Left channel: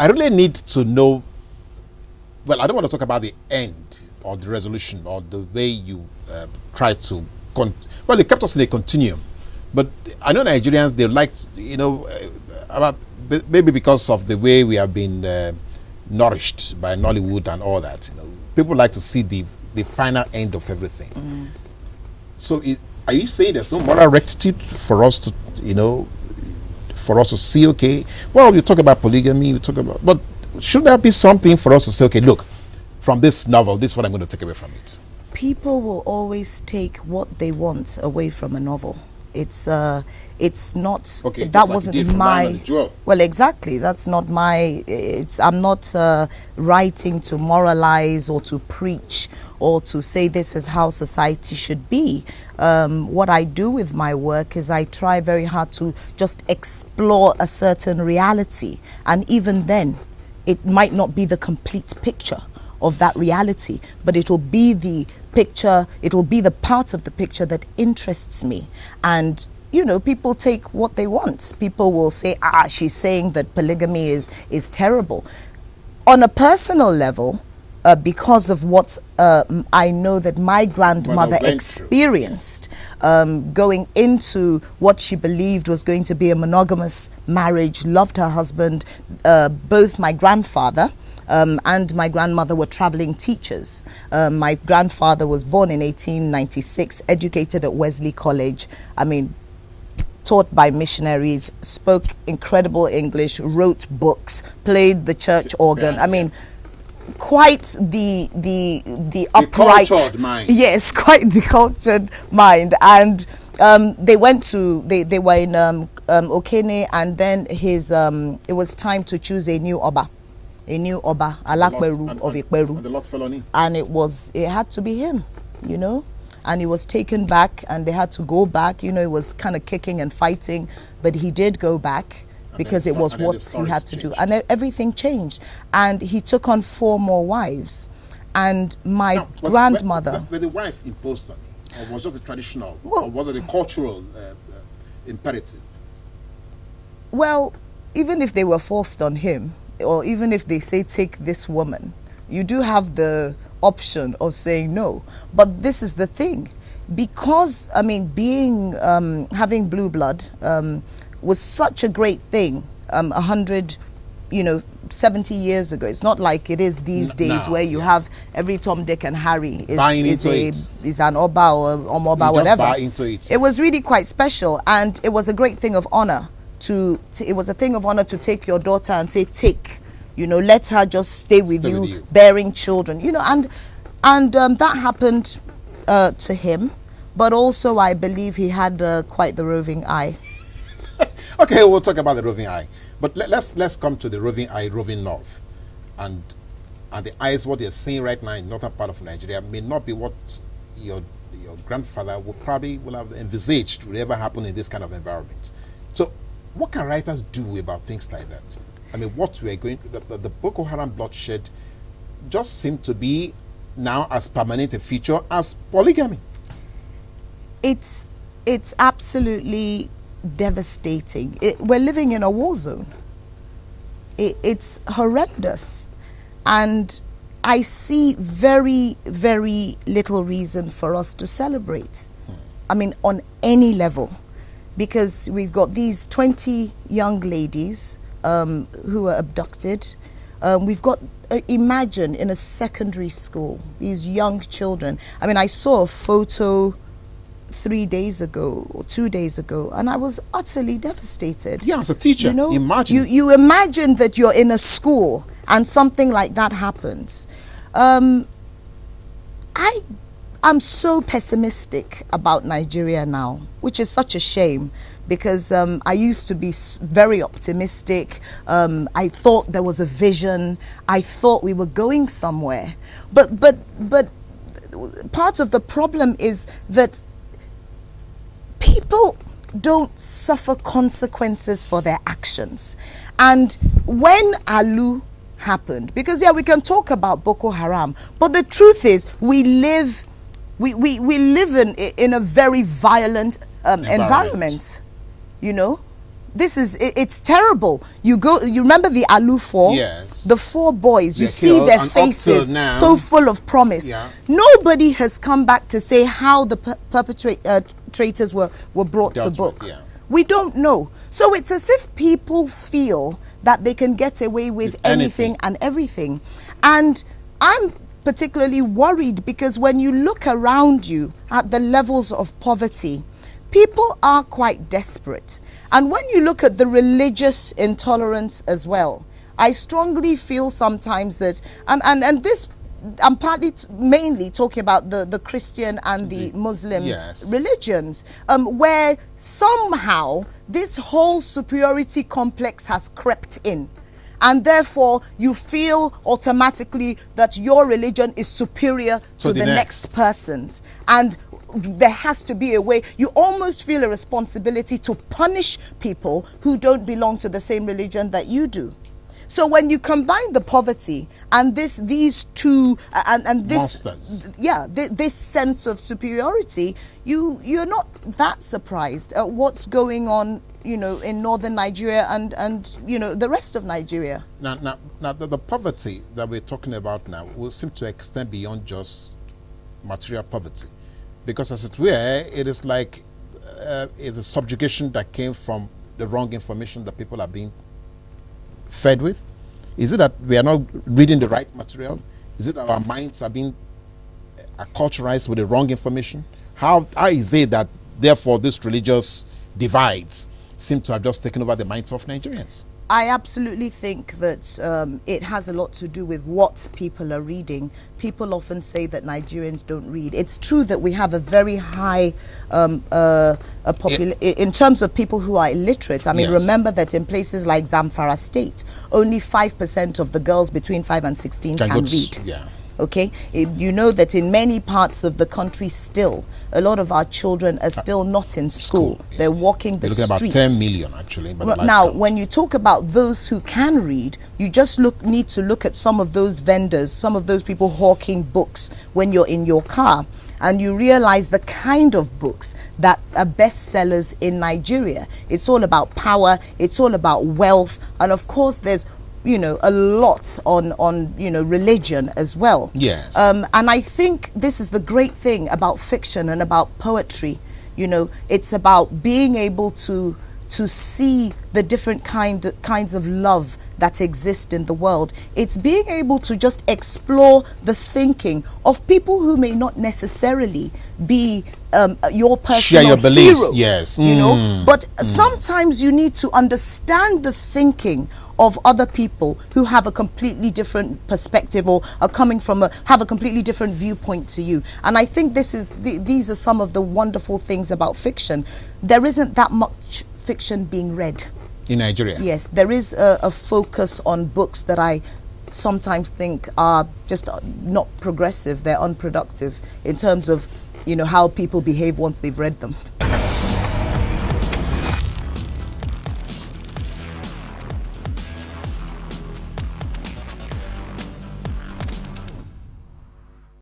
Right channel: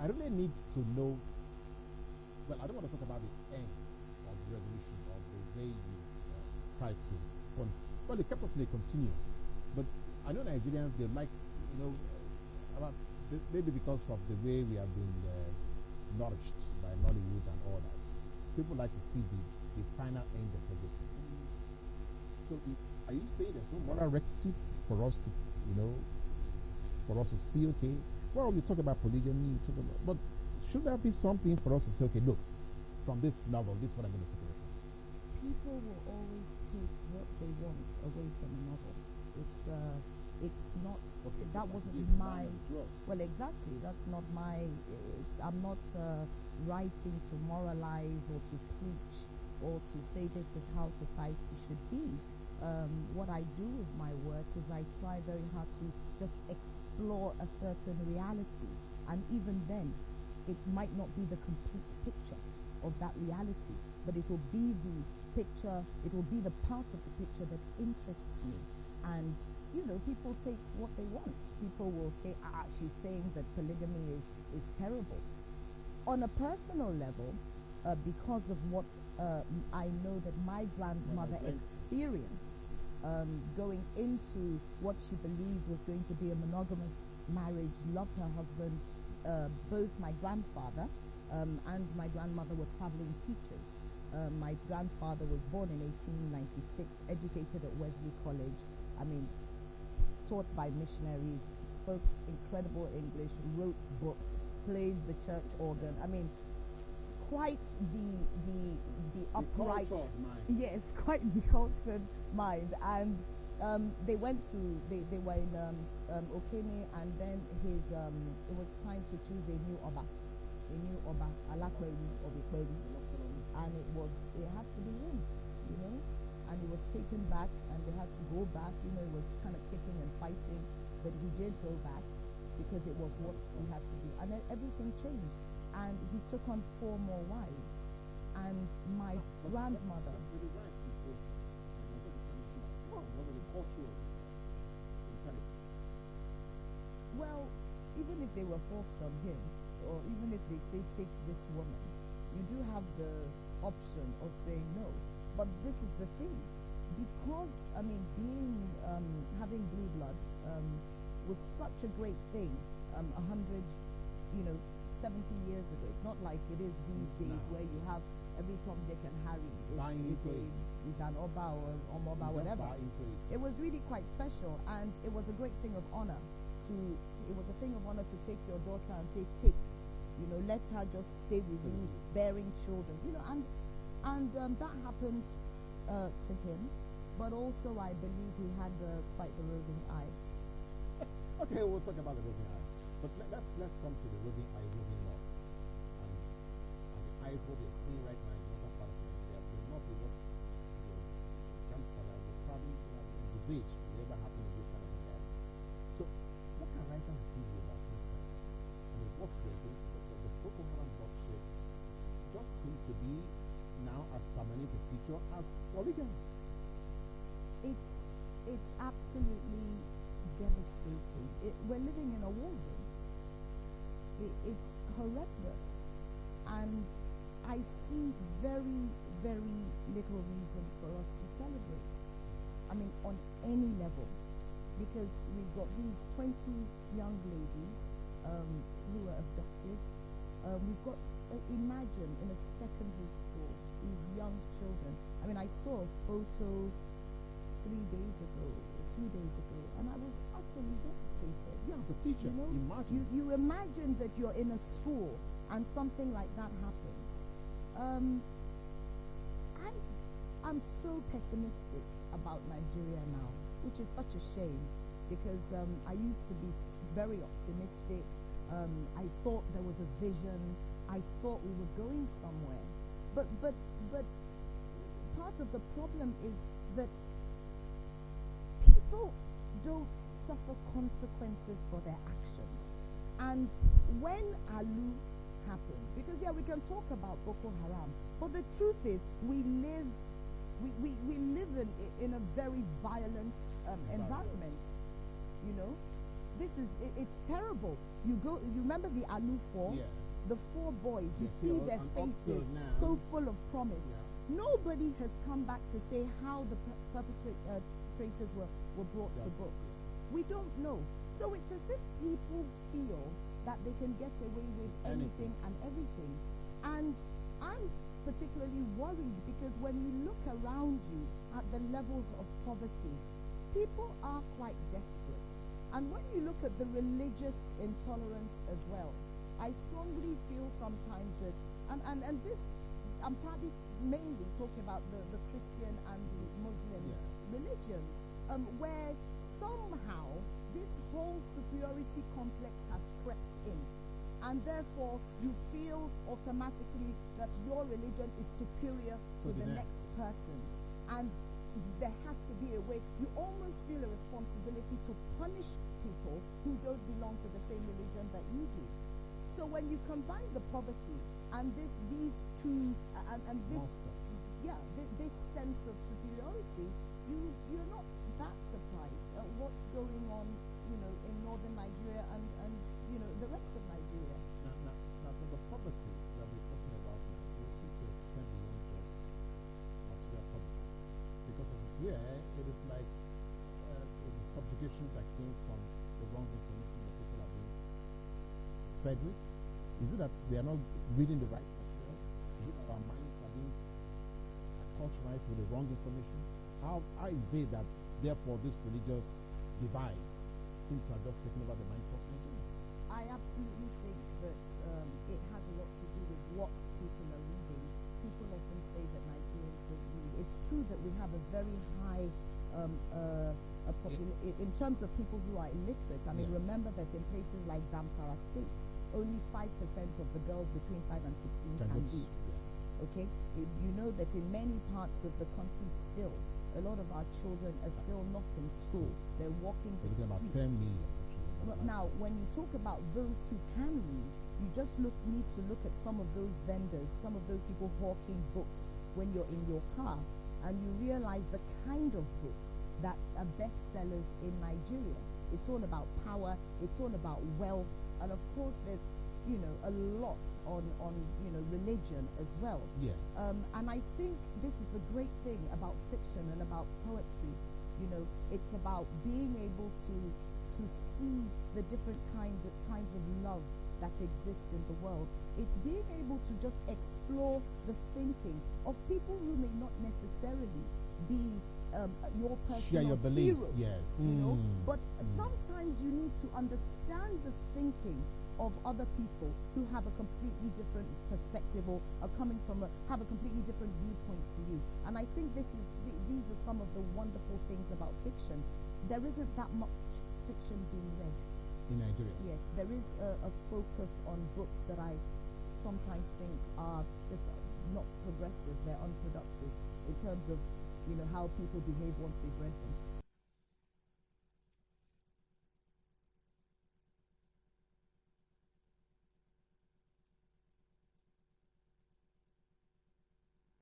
I really need to know. Well, I don't want to talk about the end or the resolution or the way you try to. Well, it kept us in a continuum, but I know Nigerians, they like, about maybe because of the way we have been nourished by Nollywood and all that. People like to see the final end of everything. So, are you saying there's no moral rectitude for us to, for us to see? Okay, well, you talk about polygamy, but should there be something for us to say? Okay, look, from this novel, this is what I'm going to take away from it. People will always take what they want away from a novel. It's not, okay, that wasn't my, well, exactly, that's not my, I'm not writing to moralize or to preach or to say this is how society should be. What I do with my work is I try very hard to just explore a certain reality, and even then it might not be the complete picture of that reality, but it will be the picture, it will be the part of the picture that interests me. And people take what they want. People will say, she's saying that polygamy is terrible. On a personal level, because of what I know that my grandmother experienced, going into what she believed was going to be a monogamous marriage, loved her husband. Both my grandfather and my grandmother were traveling teachers. My grandfather was born in 1896, educated at Wesley College. Taught by missionaries, spoke incredible English, wrote books, played the church organ. Quite the upright, cultured mind. Yes, quite the cultured mind. And they went to, they were in Okene, and then it was time to choose a new Oba, Alakberu of Ikberu. And the lot fell on him. And it had to be him, and he was taken back, and they had to go back. It was kind of kicking and fighting, but he did go back because it was what he had to do. And everything changed. And he took on 4 more wives. And my grandmother... Were the wives imposed on him? Or was it just a traditional? Or was it a cultural imperative? Well, even if they were forced on him, or even if they say, take this woman, you do have the option of saying no. But this is the thing. Because, having blue blood was such a great thing 70 years ago. It's not like it is these days where you have every Tom, Dick and Harry is an Oba or Omoba, whatever. Buy into it. It was really quite special, and it was a great thing of honor it was a thing of honor to take your daughter and say, let her just stay with you, bearing children, and that happened to him. But also, I believe he had quite the roving eye. Okay, we'll talk about the roving eye, but let's come to the roving eye, roving north, and the eyes. What they're seeing right now in the northern part of Nigeria may not be what your grandfather will have envisaged would ever happen in this kind of environment. So, what can writers do about things like that? What we are going the Boko Haram bloodshed just seemed to be now as permanent a feature as polygamy. It's absolutely devastating. We're living in a war zone. It's horrendous, and I see very, very little reason for us to celebrate. On any level, because we've got these 20 young ladies who were abducted. We've got imagine in a secondary school, these young children. I saw a photo 3 days ago or 2 days ago, and I was utterly devastated. Yeah, as a teacher, imagine. You imagine that you're in a school and something like that happens. I'm so pessimistic about Nigeria now, which is such a shame, because I used to be very optimistic. I thought there was a vision. I thought we were going somewhere. But part of the problem is that people don't suffer consequences for their actions. And when Alu happened, because we can talk about Boko Haram, but the truth is we live in a very violent environment. it's terrible. You remember the Alu 4? Yes. The 4 boys, you see their faces so full of promise. Yeah. Nobody has come back to say how the perpetrators were brought to book. Yeah. We don't know. So it's as if people feel that they can get away with anything and everything. And I'm particularly worried because when you look around you at the levels of poverty, people are quite desperate. And when you look at the religious intolerance as well, I strongly feel sometimes that, and this, I'm mainly talking about the Christian and the Muslim religions, where somehow this whole superiority complex has crept in. And therefore, you feel automatically that your religion is superior to the next person's. And there has to be a way. You almost feel a responsibility to punish people who don't belong to the same religion that you do. So when you combine the poverty and these two and this monsters, this sense of superiority, you're not that surprised at what's going on, in northern Nigeria and the rest of Nigeria. Now the poverty that we're talking about now will seem to extend beyond just material poverty, because as it were, it is like it's a subjugation that came from the wrong information that people are being fed with. Is it that we are not reading the right material? Is it that our minds are being acculturized with the wrong information? How is it that therefore these religious divides seem to have just taken over the minds of Nigerians? I absolutely think that it has a lot to do with what people are reading. People often say that Nigerians don't read. It's true that we have a very high in terms of people who are illiterate. I mean, remember that in places like Zamfara State, only 5% of the girls between 5 and 16 can read. Okay, you know that in many parts of the country still, a lot of our children are still not in school. They're walking the streets. About 10 million actually. Now, when you talk about those who can read, you just need to look at some of those vendors, some of those people hawking books when you're in your car, and you realize the kind of books that are bestsellers in Nigeria. It's all about power, it's all about wealth, and of course there's a lot on religion as well. Yes. And I think this is the great thing about fiction and about poetry. It's about being able to see the different kinds of love that exist in the world. It's being able to just explore the thinking of people who may not necessarily be your personal share your beliefs, hero, yes. But sometimes you need to understand the thinking of other people who have a completely different perspective or are coming from have a completely different viewpoint to you. And I think these are some of the wonderful things about fiction. There isn't that much fiction being read in Nigeria. Yes, there is a focus on books that I sometimes think are just not progressive. They're unproductive in terms of how people behave once they've read them.